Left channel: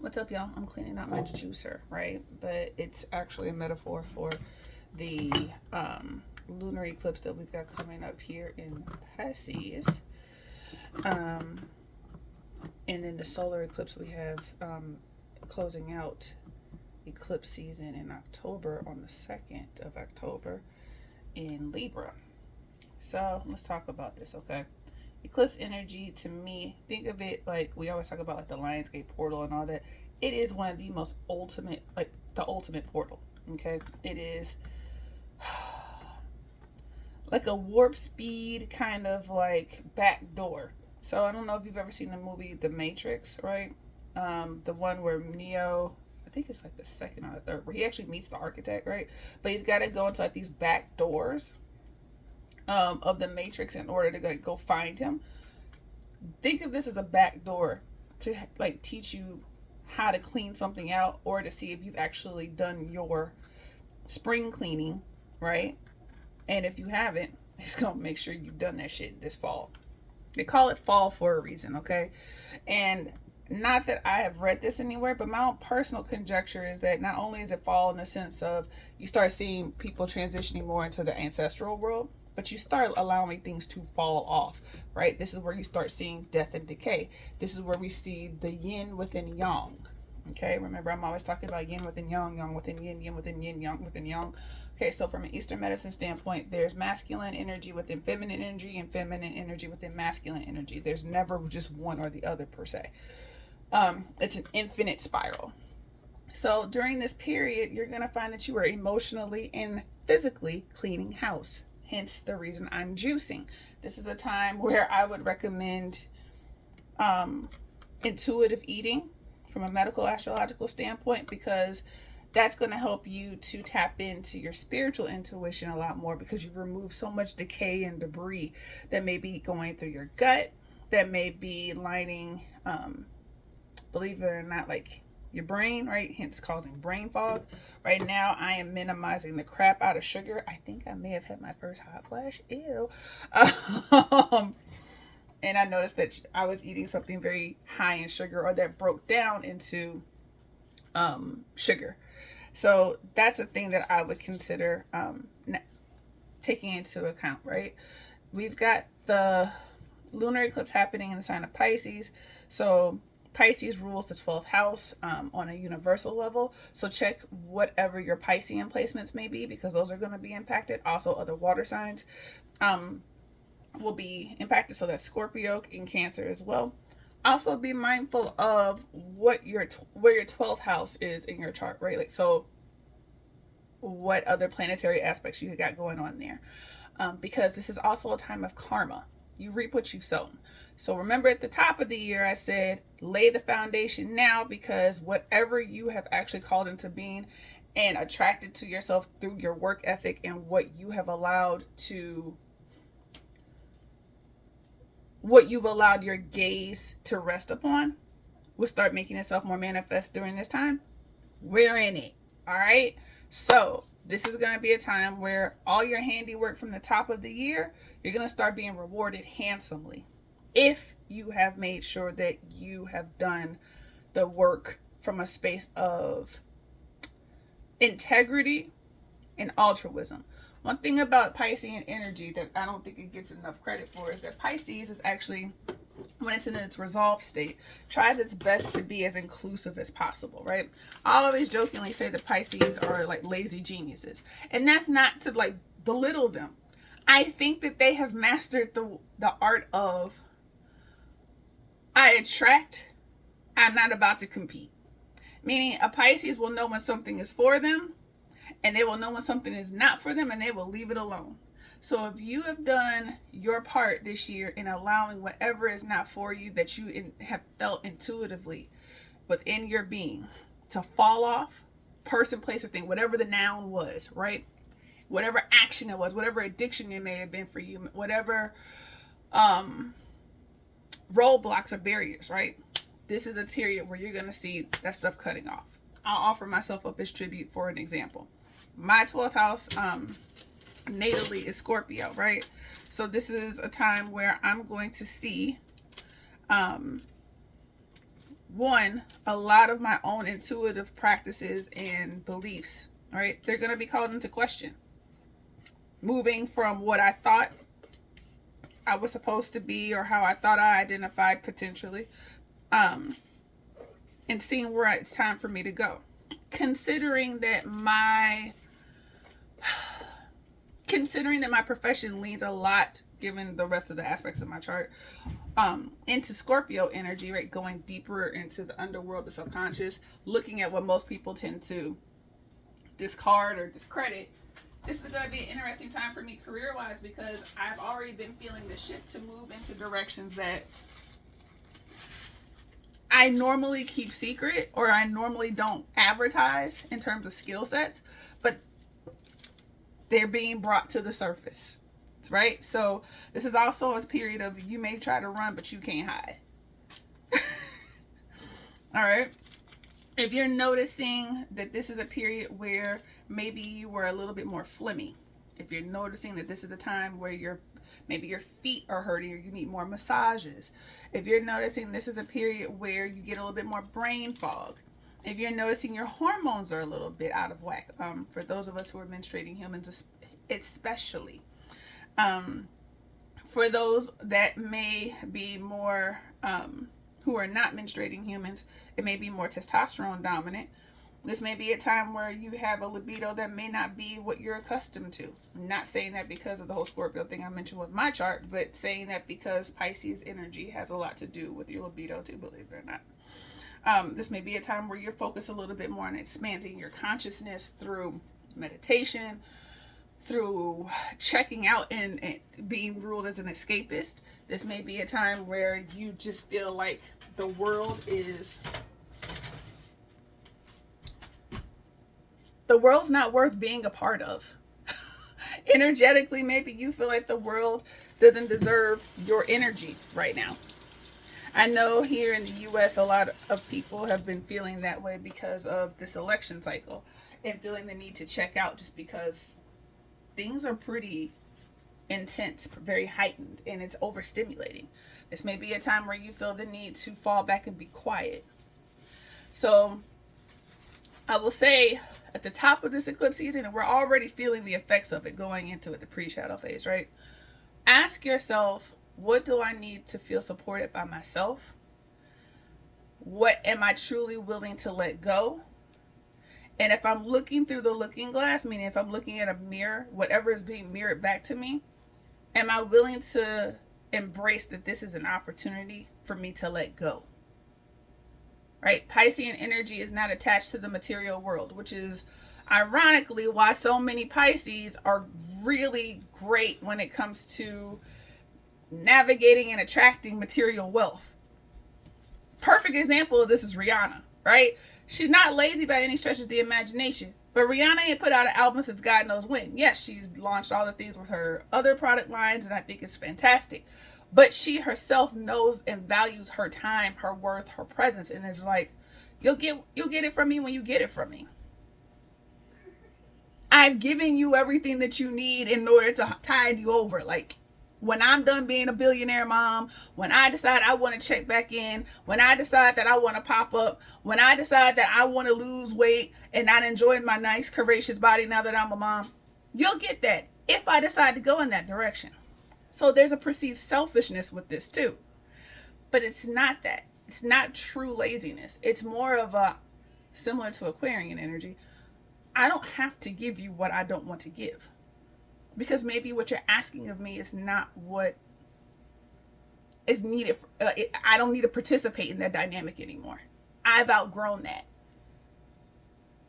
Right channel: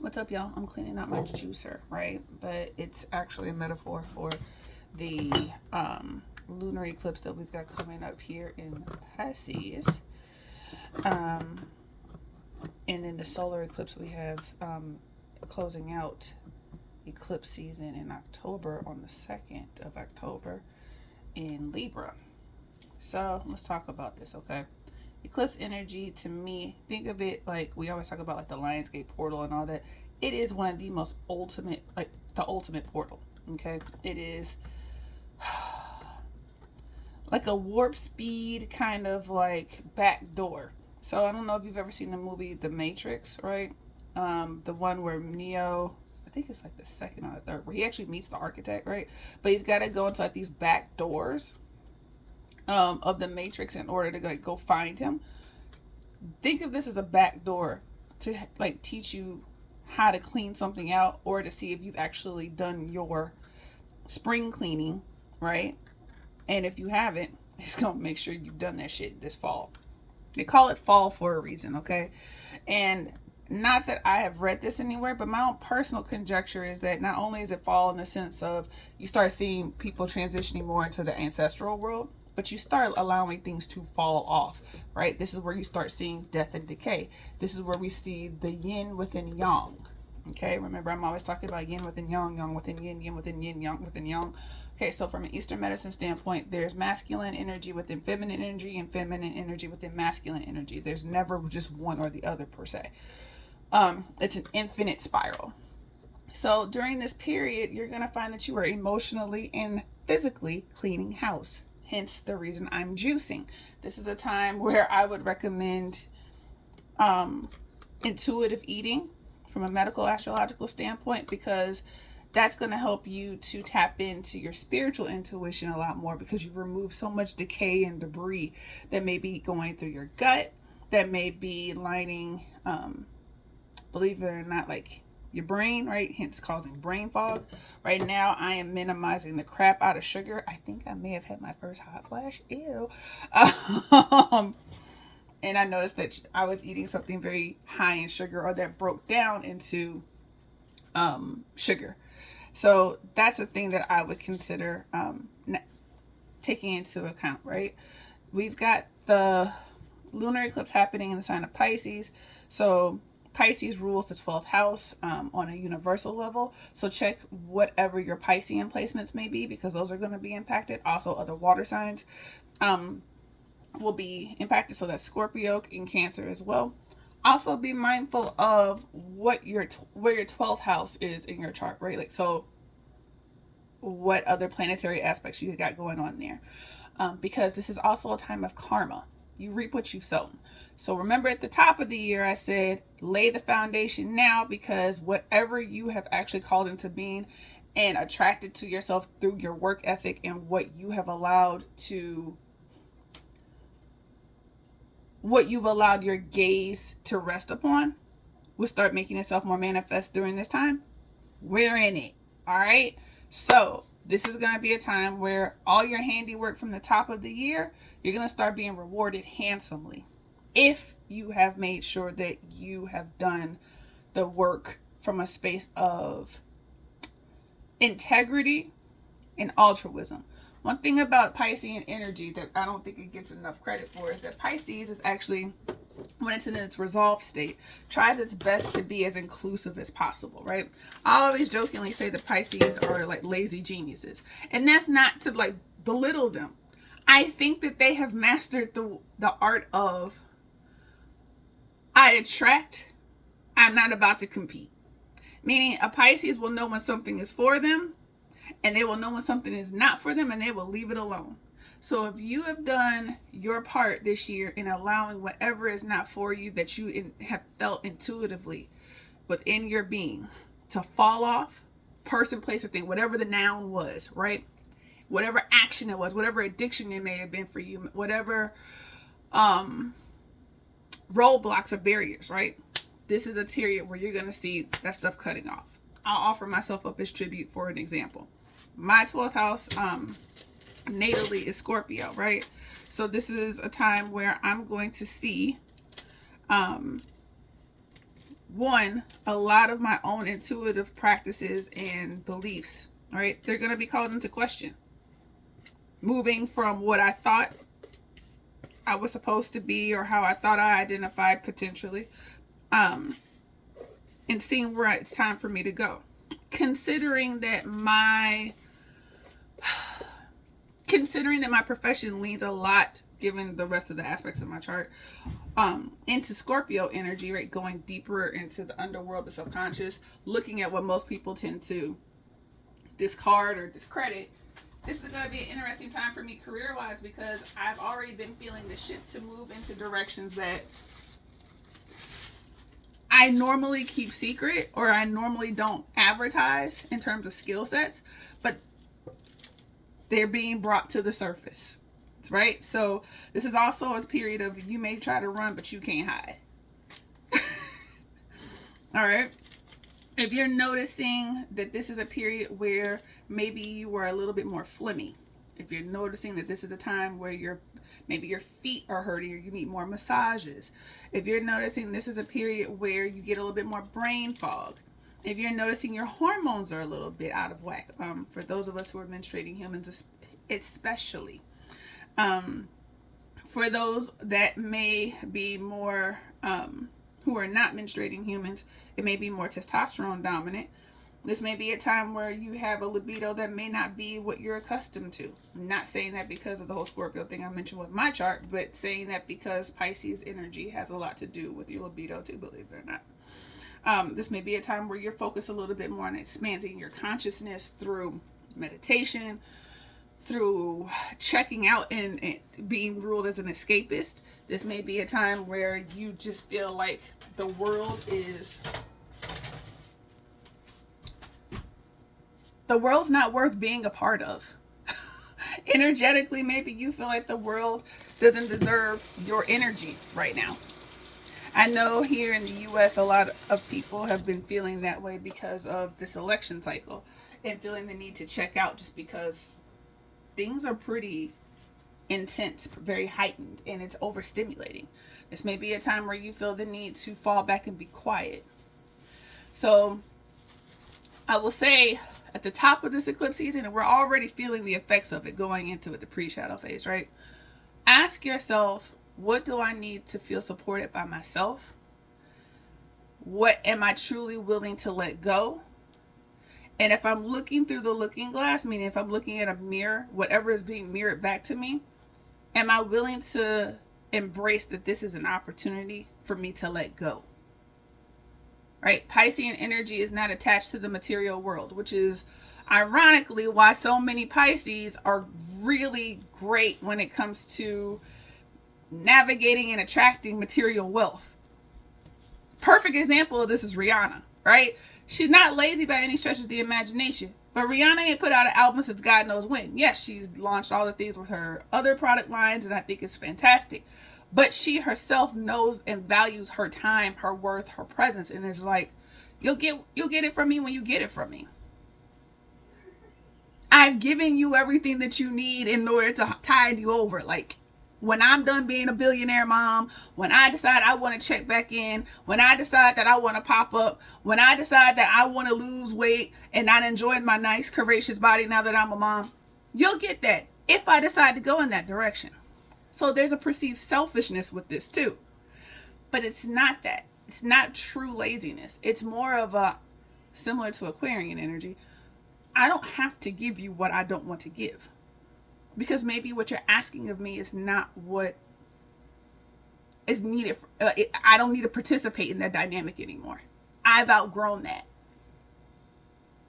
What's up, y'all? I'm cleaning out my juicer, right? But it's actually a metaphor for the lunar eclipse that we've got coming up here in Pisces. Um, and then the solar eclipse we have closing out eclipse season in October on the 2nd of October in Libra. So let's talk about this, okay? Eclipse energy, to me, think of it like we always talk about, like the Lionsgate portal and all that. It is one of the most ultimate, like the ultimate portal, okay? It is like a warp speed kind of like back door. So I don't know if you've ever seen the movie The Matrix, right? The one where Neo, I think it's like the second or the third, where he actually meets the architect, right? But he's got to go into like these back doors of the Matrix in order to like go find him. Think of this as a back door to like teach you how to clean something out, or to see if you've actually done your spring cleaning, right? And if you haven't, it's gonna make sure you've done that shit this fall. They call it fall for a reason, okay? And not that I have read this anywhere, but my own personal conjecture is that not only is it fall in the sense of you start seeing people transitioning more into the ancestral world, but you start allowing things to fall off, right? This is where you start seeing death and decay. This is where we see the yin within yang. Okay, remember I'm always talking about yin within yang, yang within yin, yin within yin, yang within yang. Okay, so from an Eastern medicine standpoint, there's masculine energy within feminine energy and feminine energy within masculine energy. There's never just one or the other per se. It's an infinite spiral. So during this period, you're going to find that you are emotionally and physically cleaning house. Hence the reason I'm juicing. This is a time where I would recommend intuitive eating from a medical astrological standpoint, because that's going to help you to tap into your spiritual intuition a lot more, because you've removed so much decay and debris that may be going through your gut, that may be lining, believe it or not, like your brain, right? Hence causing brain fog. Right now, I am minimizing the crap out of sugar. I think I may have had my first hot flash. Ew. And I noticed that I was eating something very high in sugar, or that broke down into sugar. So that's a thing that I would consider taking into account, right? We've got the lunar eclipse happening in the sign of Pisces. So Pisces rules the 12th house on a universal level. So check whatever your Piscean placements may be, because those are going to be impacted. Also, other water signs will be impacted. So that's Scorpio and Cancer as well. Also, be mindful of what where your 12th house is in your chart, right? Like, so what other planetary aspects you got going on there. Because this is also a time of karma. You reap what you've sown. So remember, at the top of the year, I said, lay the foundation now, because whatever you have actually called into being and attracted to yourself through your work ethic and what you've allowed your gaze to rest upon will start making itself more manifest during this time. We're in it. All right. So this is going to be a time where all your handiwork from the top of the year, you're going to start being rewarded handsomely, if you have made sure that you have done the work from a space of integrity and altruism. One thing about Piscean energy that I don't think it gets enough credit for is that Pisces is actually, when it's in its resolved state, tries its best to be as inclusive as possible, right? I always jokingly say that Pisces are like lazy geniuses. And that's not to like belittle them. I think that they have mastered the art of, I attract, I'm not about to compete. Meaning a Pisces will know when something is for them, and they will know when something is not for them, and they will leave it alone. So if you have done your part this year in allowing whatever is not for you, that you have felt intuitively within your being to fall off, person, place, or thing, whatever the noun was, right? Whatever action it was, whatever addiction it may have been for you, whatever roadblocks or barriers, right? This is a period where you're going to see that stuff cutting off. I'll offer myself up as tribute for an example. My 12th house natally is Scorpio, right? So this is a time where I'm going to see one, a lot of my own intuitive practices and beliefs, right? They're going to be called into question. Moving from what I thought I was supposed to be, or how I thought I identified potentially, and seeing where it's time for me to go. Considering that my profession leans a lot, given the rest of the aspects of my chart, into Scorpio energy, right? Going deeper into the underworld, the subconscious, looking at what most people tend to discard or discredit. This is going to be an interesting time for me career-wise, because I've already been feeling the shift to move into directions that I normally keep secret, or I normally don't advertise in terms of skill sets, but they're being brought to the surface, right? So this is also a period of, you may try to run, but you can't hide. All right. If you're noticing that this is a period where maybe you were a little bit more phlegmy, if you're noticing that this is a time where maybe your feet are hurting, or you need more massages, if you're noticing this is a period where you get a little bit more brain fog, if you're noticing your hormones are a little bit out of whack, for those of us who are menstruating humans especially, for those that may be more who are not menstruating humans, it may be more testosterone dominant. This may be a time where you have a libido that may not be what you're accustomed to. I'm not saying that because of the whole Scorpio thing I mentioned with my chart, but saying that because Pisces energy has a lot to do with your libido too, believe it or not. This may be a time where you're focused a little bit more on expanding your consciousness through meditation, through checking out and being ruled as an escapist. This may be a time where you just feel like the world's not worth being a part of. Energetically, maybe you feel like the world doesn't deserve your energy right now. I know here in the US, a lot of people have been feeling that way because of this election cycle, and feeling the need to check out, just because things are pretty intense, very heightened, and it's overstimulating. This may be a time where you feel the need to fall back and be quiet. So I will say, at the top of this eclipse season, and we're already feeling the effects of it going into it, the pre-shadow phase, right? Ask yourself, what do I need to feel supported by myself? What am I truly willing to let go? And if I'm looking through the looking glass, meaning if I'm looking at a mirror, whatever is being mirrored back to me, am I willing to embrace that this is an opportunity for me to let go? Right? Piscean energy is not attached to the material world, which is ironically why so many Pisces are really great when it comes to navigating and attracting material wealth. Perfect example of this is Rihanna, right? She's not lazy by any stretch of the imagination, but Rihanna ain't put out an album since God knows when. Yes, she's launched all the things with her other product lines, and I think it's fantastic. But she herself knows and values her time, her worth, her presence, and is like, you'll get it from me when you get it from me. I've given you everything that you need in order to tide you over. Like, when I'm done being a billionaire mom, when I decide I want to check back in, when I decide that I want to pop up, when I decide that I want to lose weight and not enjoy my nice, curvaceous body now that I'm a mom, you'll get that if I decide to go in that direction. So there's a perceived selfishness with this too. But it's not that. It's not true laziness. It's more of a, similar to Aquarian energy, I don't have to give you what I don't want to give. Because maybe what you're asking of me is not what is needed. I don't need to participate in that dynamic anymore. I've outgrown that.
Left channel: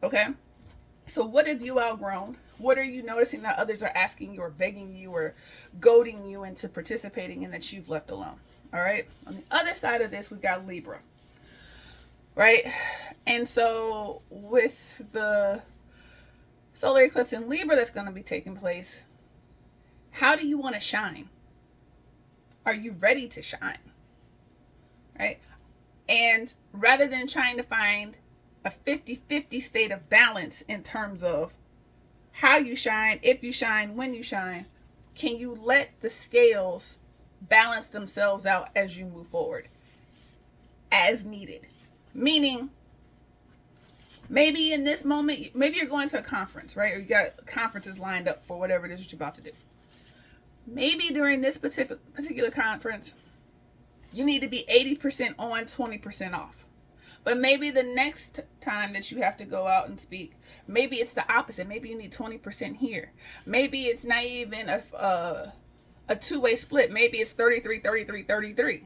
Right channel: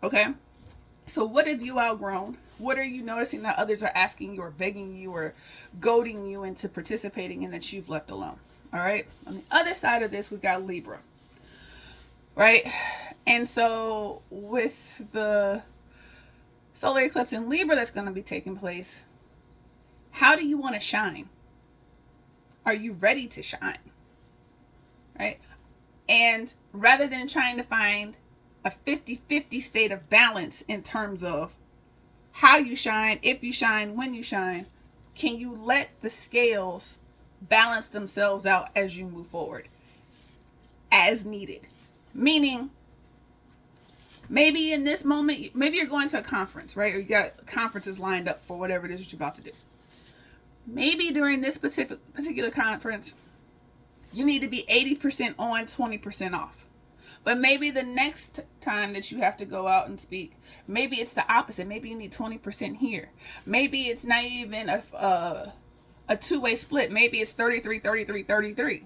Okay? So what have you outgrown? What are you noticing that others are asking you or begging you or goading you into participating in that you've left alone? All right? On the other side of this, we've got Libra. Right? And so with the solar eclipse in Libra that's going to be taking place, how do you want to shine? Are you ready to shine? Right? And rather than trying to find a 50-50 state of balance in terms of how you shine, if you shine, when you shine, can you let the scales balance themselves out as you move forward as needed? Meaning, maybe in this moment, maybe you're going to a conference, right? Or you got conferences lined up for whatever it is that you're about to do. Maybe during this particular conference, you need to be 80% on, 20% off. But maybe the next time that you have to go out and speak, maybe it's the opposite. Maybe you need 20% here. Maybe it's not even a two-way split. Maybe it's 33, 33, 33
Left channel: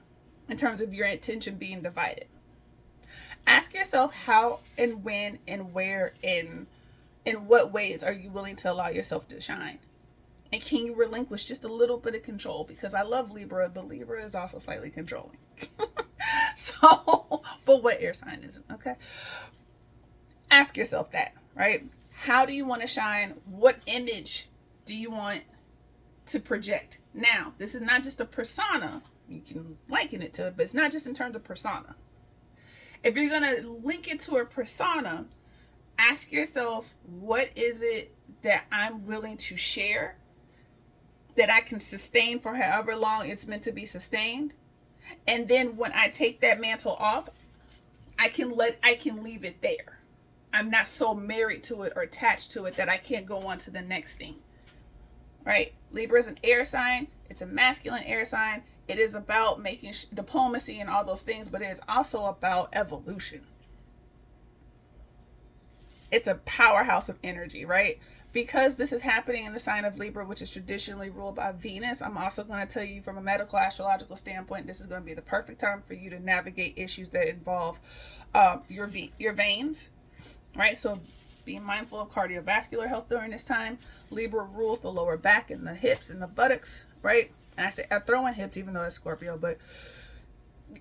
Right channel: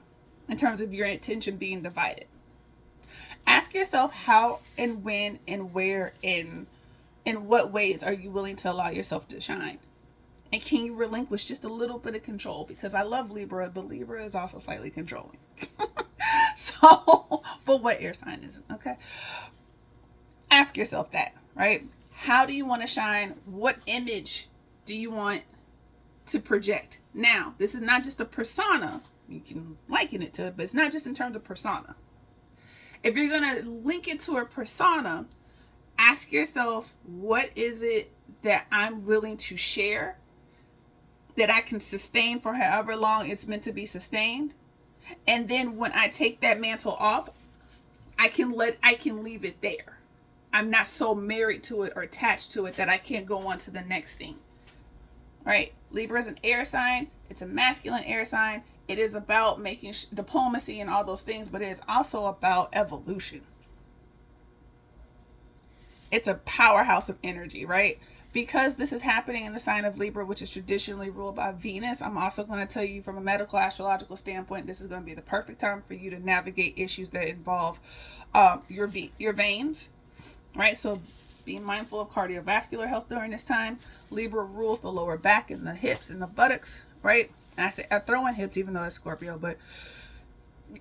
in terms of your attention being divided. Ask yourself how and when and where and in what ways are you willing to allow yourself to shine? And can you relinquish just a little bit of control? Because I love Libra, but Libra is also slightly controlling. So, but what air sign isn't, okay? Ask yourself that, right? How do you want to shine? What image do you want to project? Now, this is not just a persona. You can liken it to it, but it's not just in terms of persona. If you're going to link it to a persona, ask yourself, what is it that I'm willing to share, that I can sustain for however long it's meant to be sustained? And then when I take that mantle off, I can leave it there. I'm not so married to it or attached to it that I can't go on to the next thing. Right? Libra is an air sign. It's a masculine air sign. It is about making diplomacy and all those things, but it is also about evolution. It's a powerhouse of energy, right? Because this is happening in the sign of Libra, which is traditionally ruled by Venus, I'm also going to tell you from a medical astrological standpoint, this is going to be the perfect time for you to navigate issues that involve your veins, right? So be mindful of cardiovascular health during this time. Libra rules the lower back and the hips and the buttocks, right? And I throw in hips even though it's Scorpio, but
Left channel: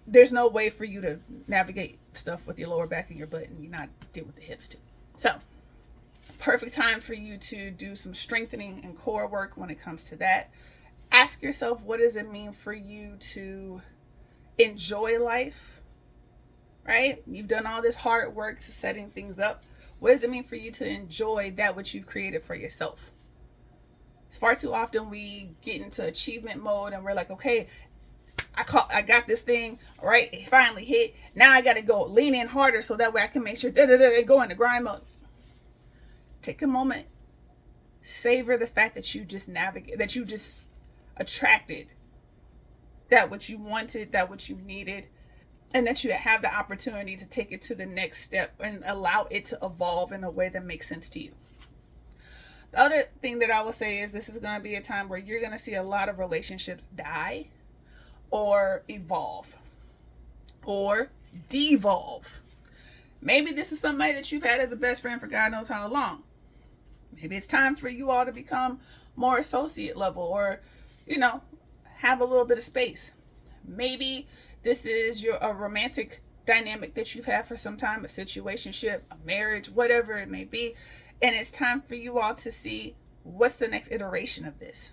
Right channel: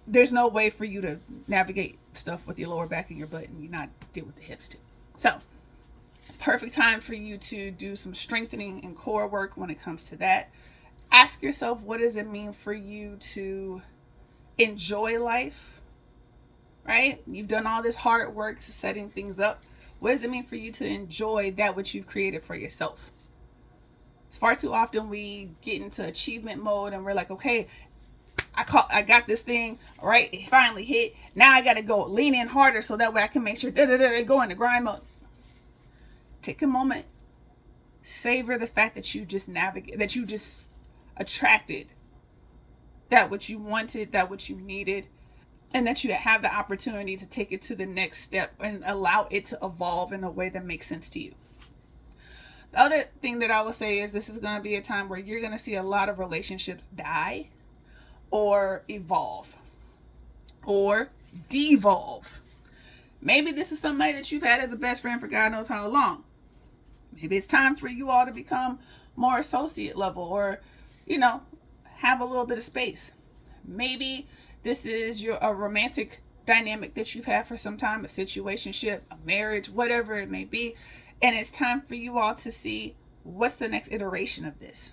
there's no way for you to navigate stuff with your lower back and your butt and you not deal with the hips too. So perfect time for you to do some strengthening and core work when it comes to that. Ask yourself, what does it mean for you to enjoy life, right? You've done all this hard work to setting things up. What does it mean for you to enjoy that which you've created for yourself? Far too often we get into achievement mode and we're like, okay, I got this thing, right? It finally hit. Now I got to go lean in harder so that way I can make sure go into grind mode. Take a moment, savor the fact that you just attracted that which you wanted, that which you needed, and that you have the opportunity to take it to the next step and allow it to evolve in a way that makes sense to you. The other thing that I will say is this is going to be a time where you're going to see a lot of relationships die or evolve or devolve. Maybe this is somebody that you've had as a best friend for God knows how long. Maybe it's time for you all to become more associate level or, have a little bit of space. Maybe this is a romantic dynamic that you've had for some time, a situationship, a marriage, whatever it may be. And it's time for you all to see what's the next iteration of this.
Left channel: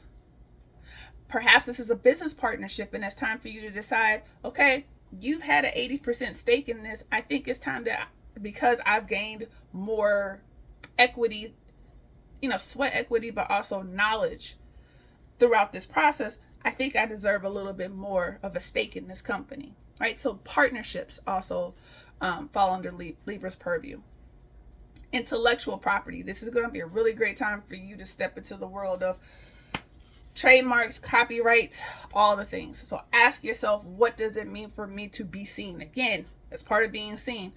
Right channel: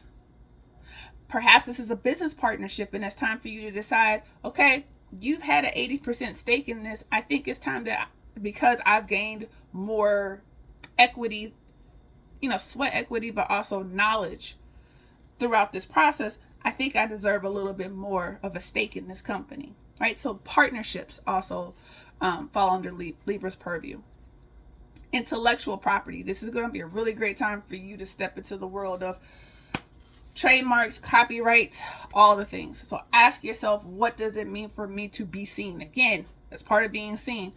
Perhaps this is a business partnership and it's time for you to decide, okay, you've had an 80% stake in this. I think it's time that because I've gained more equity, sweat equity, but also knowledge throughout this process, I think I deserve a little bit more of a stake in this company, right? So partnerships also fall under Libra's purview. Intellectual property. This is going to be a really great time for you to step into the world of trademarks, copyright, all the things. So ask yourself, what does it mean for me to be seen? Again, as part of being seen.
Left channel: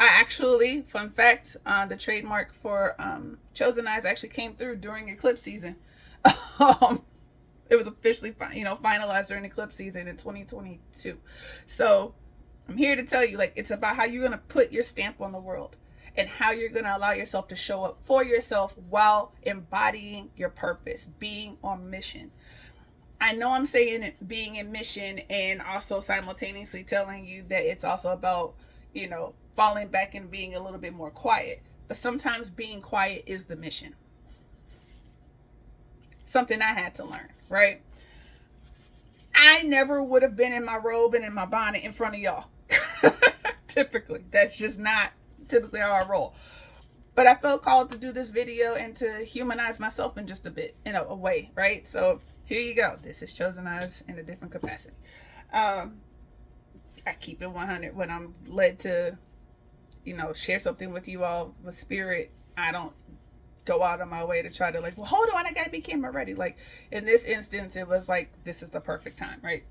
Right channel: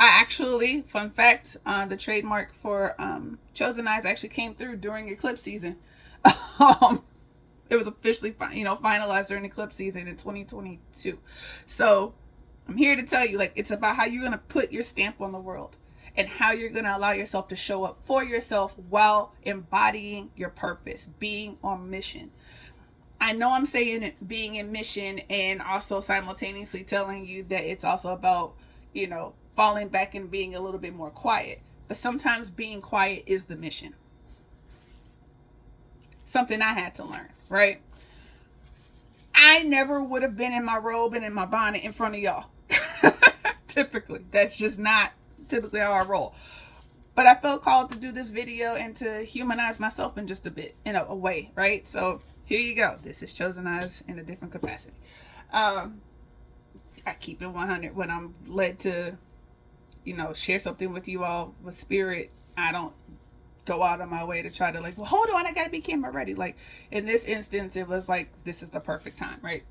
I actually, fun fact, the trademark for ChosenEyes actually came through during Eclipse season. It was officially, finalized during Eclipse season in 2022. So I'm here to tell you, it's about how you're going to put your stamp on the world and how you're going to allow yourself to show up for yourself while embodying your purpose, being on mission. I know I'm saying it, being in mission, and also simultaneously telling you that it's also about, falling back and being a little bit more quiet. But sometimes being quiet is the mission. Something I had to learn, right? I never would have been in my robe and in my bonnet in front of y'all. Typically, that's just not typically how I roll. But I felt called to do this video and to humanize myself in just a bit, in a way, right? So here you go. This is ChosenEyes in a different capacity. I I keep it 100 when I'm led to, you know, share something with you all with spirit. I don't go out of my way to try to like, well, hold on, I gotta be camera ready. Like in this instance, it was like, this is the perfect time, right?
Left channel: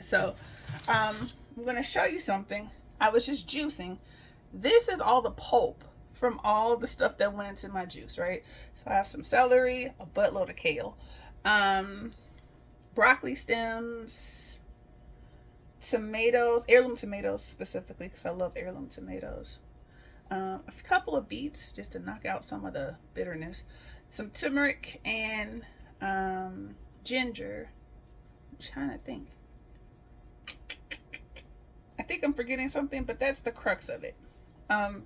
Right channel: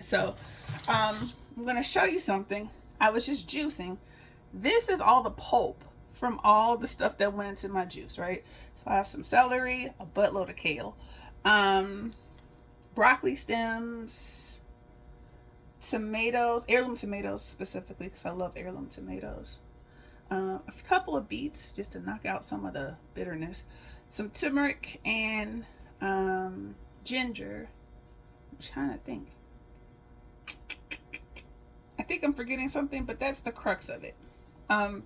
So I'm gonna show you something. I was just juicing. This is all the pulp from all the stuff that went into my juice, right? So I have some celery, a buttload of kale, broccoli stems, tomatoes, heirloom tomatoes specifically, because I love heirloom tomatoes. A couple of beets just to knock out some of the bitterness, some turmeric, and ginger. I'm trying to think. I think I'm forgetting something, but that's the crux of it.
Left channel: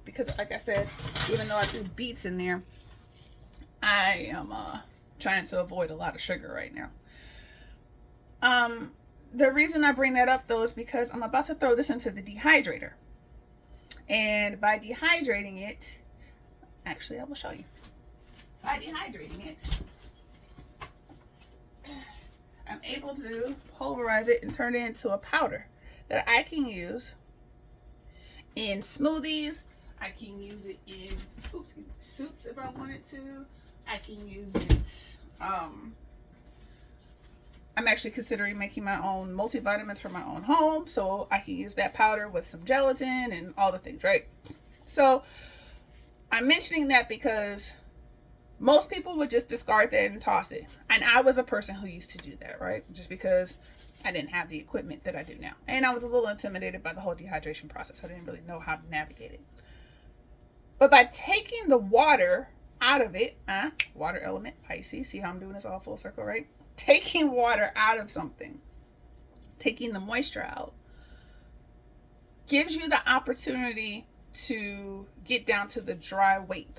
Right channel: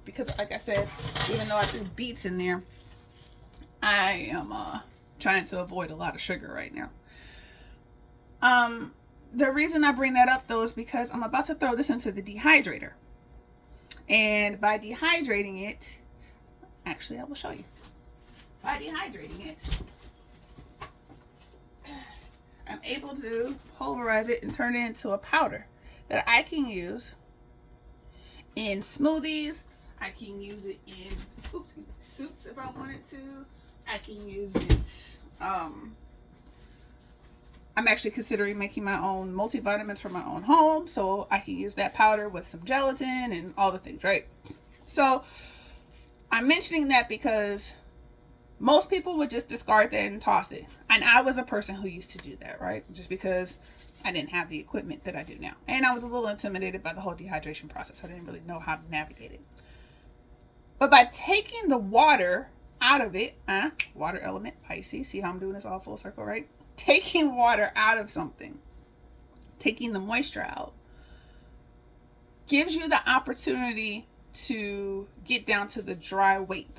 Because like I said, even though I threw beets in there, I am trying to avoid a lot of sugar right now. The reason I bring that up though is because I'm about to throw this into the dehydrator. And by dehydrating it, actually I will show you. By dehydrating it, I'm able to pulverize it and turn it into a powder that I can use in smoothies. I can use it in soups if I wanted to. I can use it. I'm actually considering making my own multivitamins for my own home, so I can use that powder with some gelatin and all the things, right? So I'm mentioning that because most people would just discard that and toss it. And I was a person who used to do that, right? Just because I didn't have the equipment that I do now. And I was a little intimidated by the whole dehydration process. I didn't really know how to navigate it. But by taking the water out of it, water element, Pisces, see how I'm doing this all full circle, right? Taking water out of something, taking the moisture out, gives you the opportunity to get down to the dry weight,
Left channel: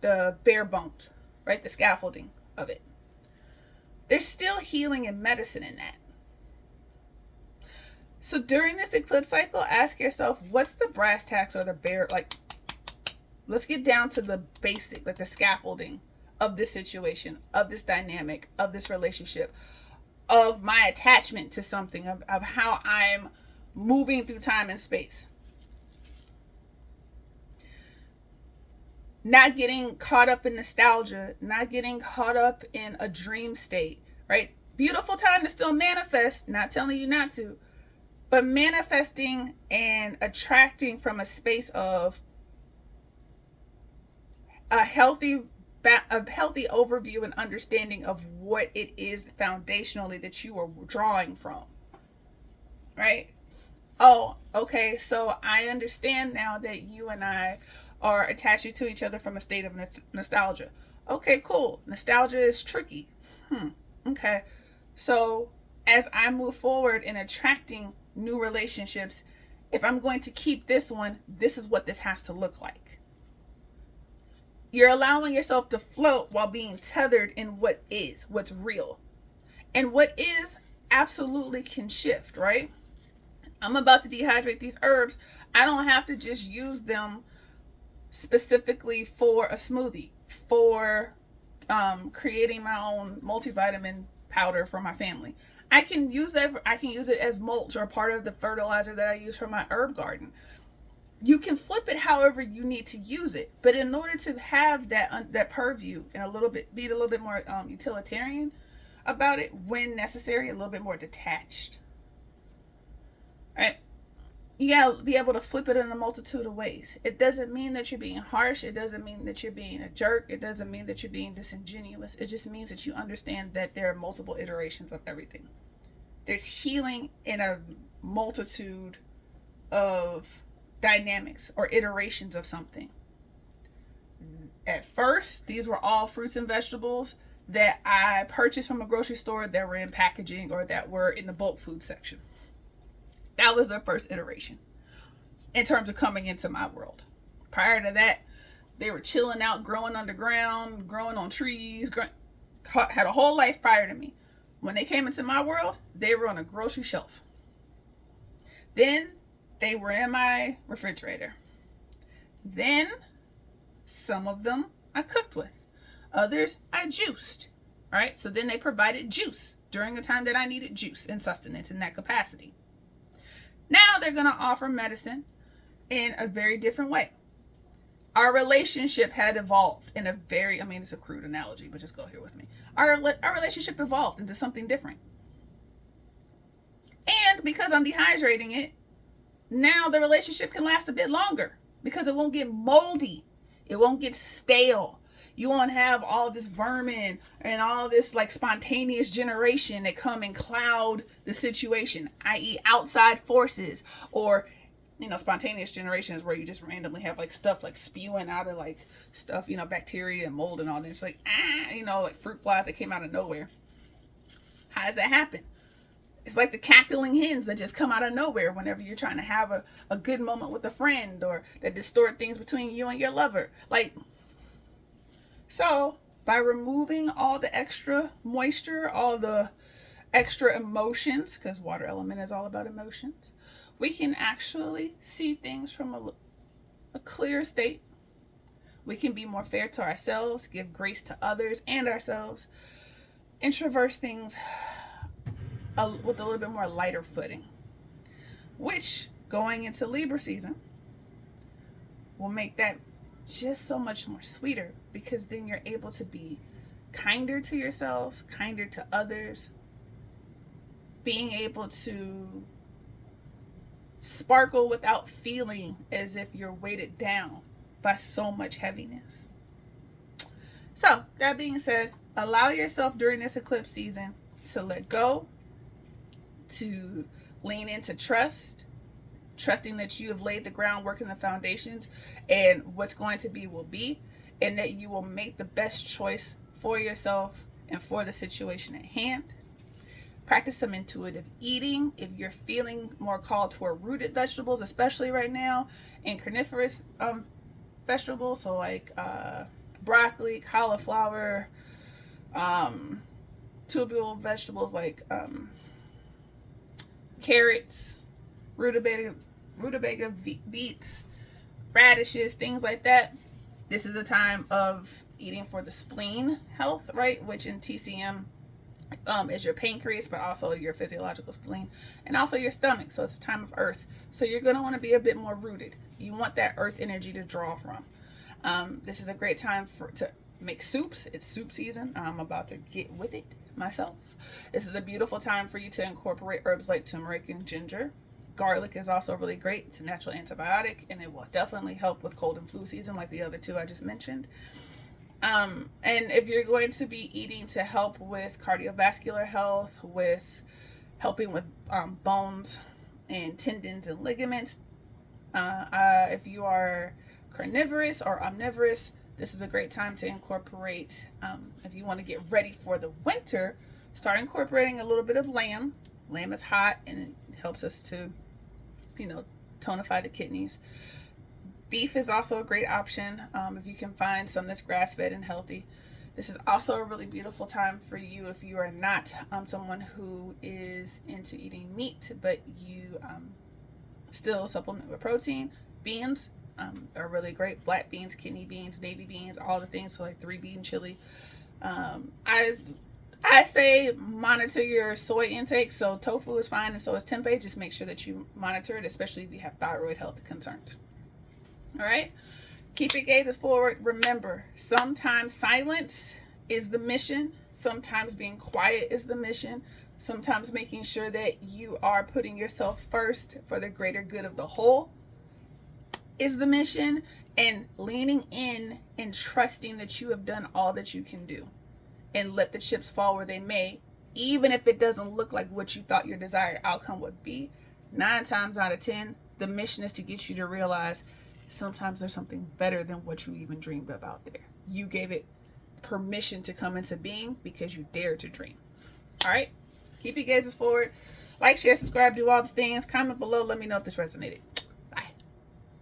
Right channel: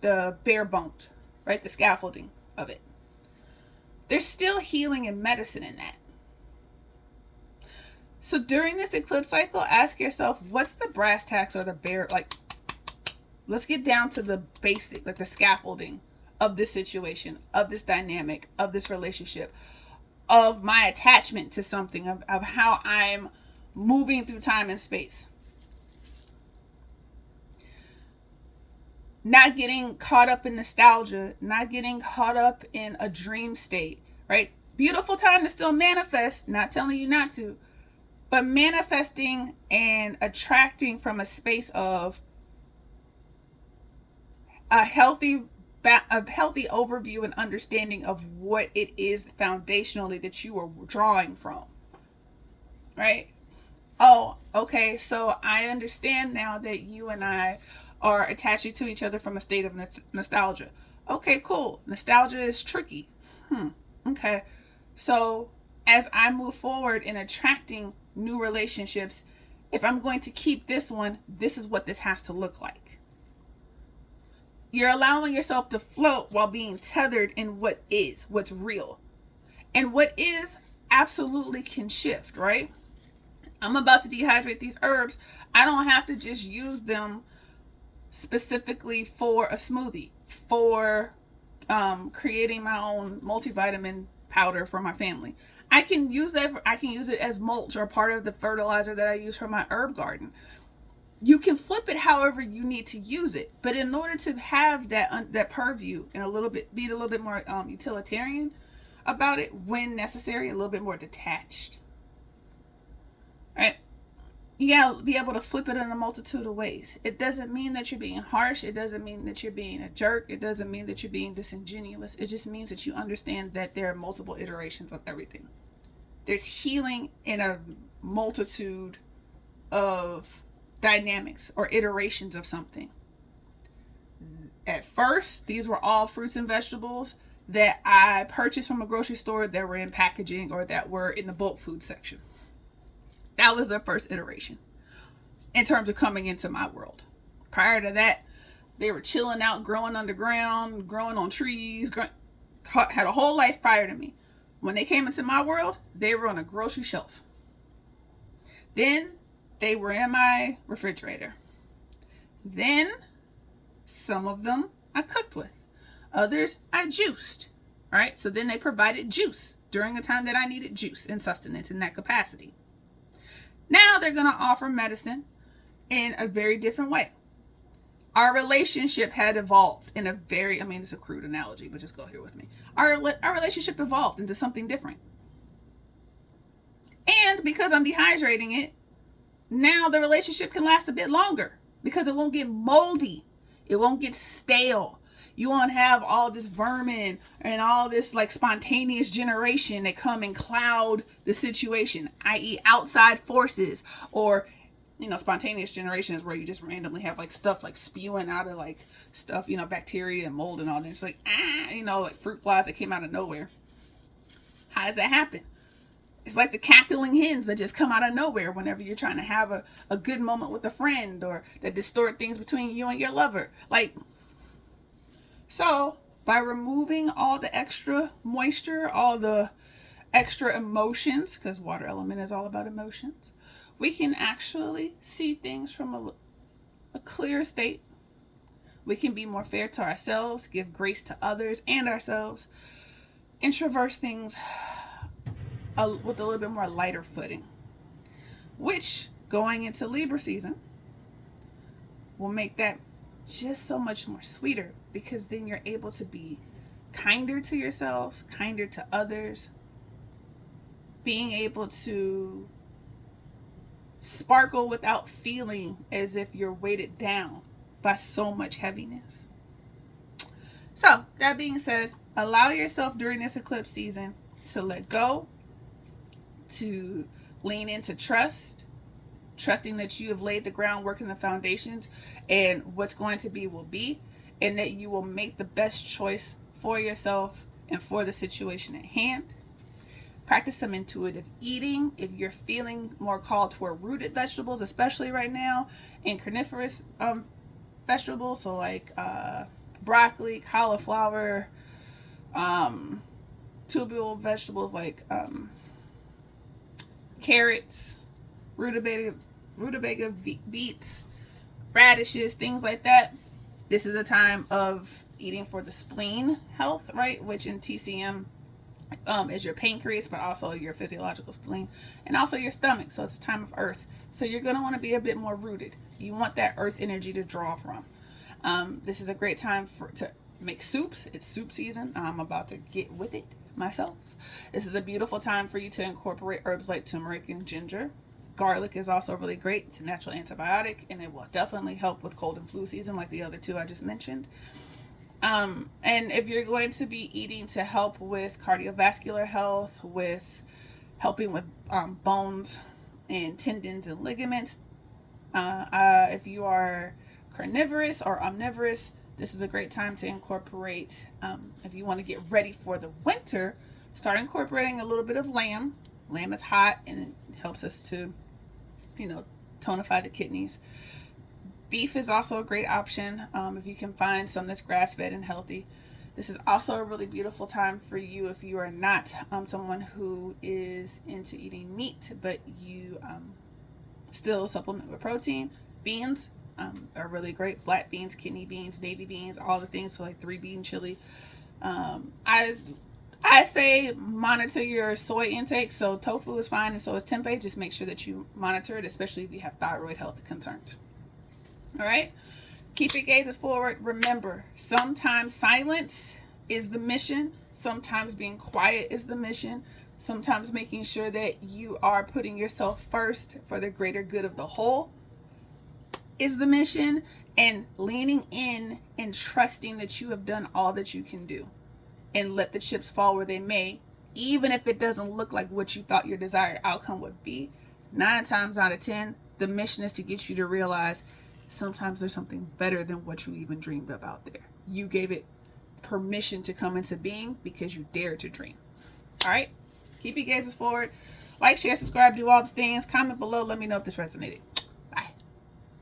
the bare bones, right? The scaffolding of it. There's still healing and medicine in that. So during this eclipse cycle, ask yourself, what's the brass tacks or the bare, like, let's get down to the basic, like the scaffolding of this situation, of this dynamic, of this relationship, of my attachment to something, of how I'm moving through time and space. Not getting caught up in nostalgia, not getting caught up in a dream state, right? Beautiful time to still manifest, not telling you not to, but manifesting and attracting from a space of a healthy overview and understanding of what it is foundationally that you are drawing from, right? Oh, okay, so I understand now that you and I are attaching to each other from a state of nostalgia. Okay, cool. Nostalgia is tricky. Okay. So as I move forward in attracting new relationships, if I'm going to keep this one, this is what this has to look like. You're allowing yourself to float while being tethered in what is, what's real. And what is absolutely can shift, right? I'm about to dehydrate these herbs. I don't have to just use them specifically for a smoothie, for creating my own multivitamin powder for my family. I can use that. I can use it as mulch or part of the fertilizer that I use for my herb garden. You can flip it however you need to use it, but in order to have that purview and be a little bit more utilitarian about it when necessary, a little bit more detached, right? You gotta be able to flip it in a multitude of ways. It doesn't mean that you're being harsh. It doesn't mean that you're being a jerk. It doesn't mean that you're being disingenuous. It just means that you understand that there are multiple iterations of everything. There's healing in a multitude of dynamics or iterations of something. At first, these were all fruits and vegetables that I purchased from a grocery store that were in packaging or that were in the bulk food section. That was the first iteration in terms of coming into my world. Prior to that, they were chilling out, growing underground, growing on trees, had a whole life prior to me. When they came into my world, they were on a grocery shelf. Then they were in my refrigerator. Then some of them I cooked with. Others I juiced. All right. So then they provided juice during a time that I needed juice and sustenance in that capacity. they're going to offer medicine in a very different way. Our relationship had evolved in a very, I mean, it's a crude analogy, but just go here with me. Our relationship evolved into something different. And because I'm dehydrating it, now the relationship can last a bit longer because it won't get moldy. It won't get stale. You won't have all this vermin and all this like spontaneous generation that come and cloud the situation, i.e. outside forces, or, you know, spontaneous generation is where you just randomly have like stuff like spewing out of like stuff, you know, bacteria and mold and all that. It's like, you know, like fruit flies that came out of nowhere. How does that happen? It's like the cackling hens that just come out of nowhere whenever you're trying to have a good moment with a friend, or that distort things between you and your lover. Like, so by removing all the extra moisture, all the extra emotions, because water element is all about emotions, we can actually see things from a clear state. We can be more fair to ourselves, give grace to others and ourselves, and traverse things with a little bit more lighter footing, which going into Libra season will make that just so much more sweeter, because then you're able to be kinder to yourselves, kinder to others, being able to sparkle without feeling as if you're weighted down by so much heaviness. So that being said, allow yourself during this eclipse season to let go, to lean into trusting that you have laid the groundwork and the foundations, and what's going to be will be, and that you will make the best choice for yourself and for the situation at hand. Practice some intuitive eating if you're feeling more called toward rooted vegetables, especially right now, and carnivorous vegetables, so like broccoli, cauliflower, tubular vegetables like carrots, rutabaga beets, radishes, things like that. This is a time of eating for the spleen health, right? Which in TCM is your pancreas, but also your physiological spleen, and also your stomach. So it's a time of earth. So you're going to want to be a bit more rooted. You want that earth energy to draw from. This is a great time to make soups. It's soup season. I'm about to get with it myself. This is a beautiful time for you to incorporate herbs like turmeric and ginger. Garlic is also really great. It's a natural antibiotic, and it will definitely help with cold and flu season like the other two I just mentioned. And if you're going to be eating to help with cardiovascular health, with helping with bones and tendons and ligaments, if you are carnivorous or omnivorous, this is a great time to incorporate, if you want to get ready for the winter, start incorporating a little bit of lamb. Lamb is hot and it helps us to, you know, tonify the kidneys. Beef is also a great option if you can find some that's grass-fed and healthy. This is also a really beautiful time for you if you are not someone who is into eating meat, but you still supplement with protein. Beans are really great. Black beans, kidney beans, navy beans, all the things, so like 3-bean chili. I say monitor your soy intake. So tofu is fine, and so is tempeh. Just make sure that you monitor it, especially if you have thyroid health concerns. All right, keep your gazes forward. Remember, sometimes silence is the mission. Sometimes being quiet is the mission. Sometimes making sure that you are putting yourself first for the greater good of the whole is the mission. And leaning in and trusting that you have done all that you can do, and let the chips fall where they may, even if it doesn't look like what you thought your desired outcome would be. 9 times out of 10, the mission is to get you to realize sometimes there's something better than what you even dreamed of out there. You gave it permission to come into being because you dared to dream. All right, keep your gazes forward. Like, share, subscribe, do all the things. Comment below. Let me know if this resonated.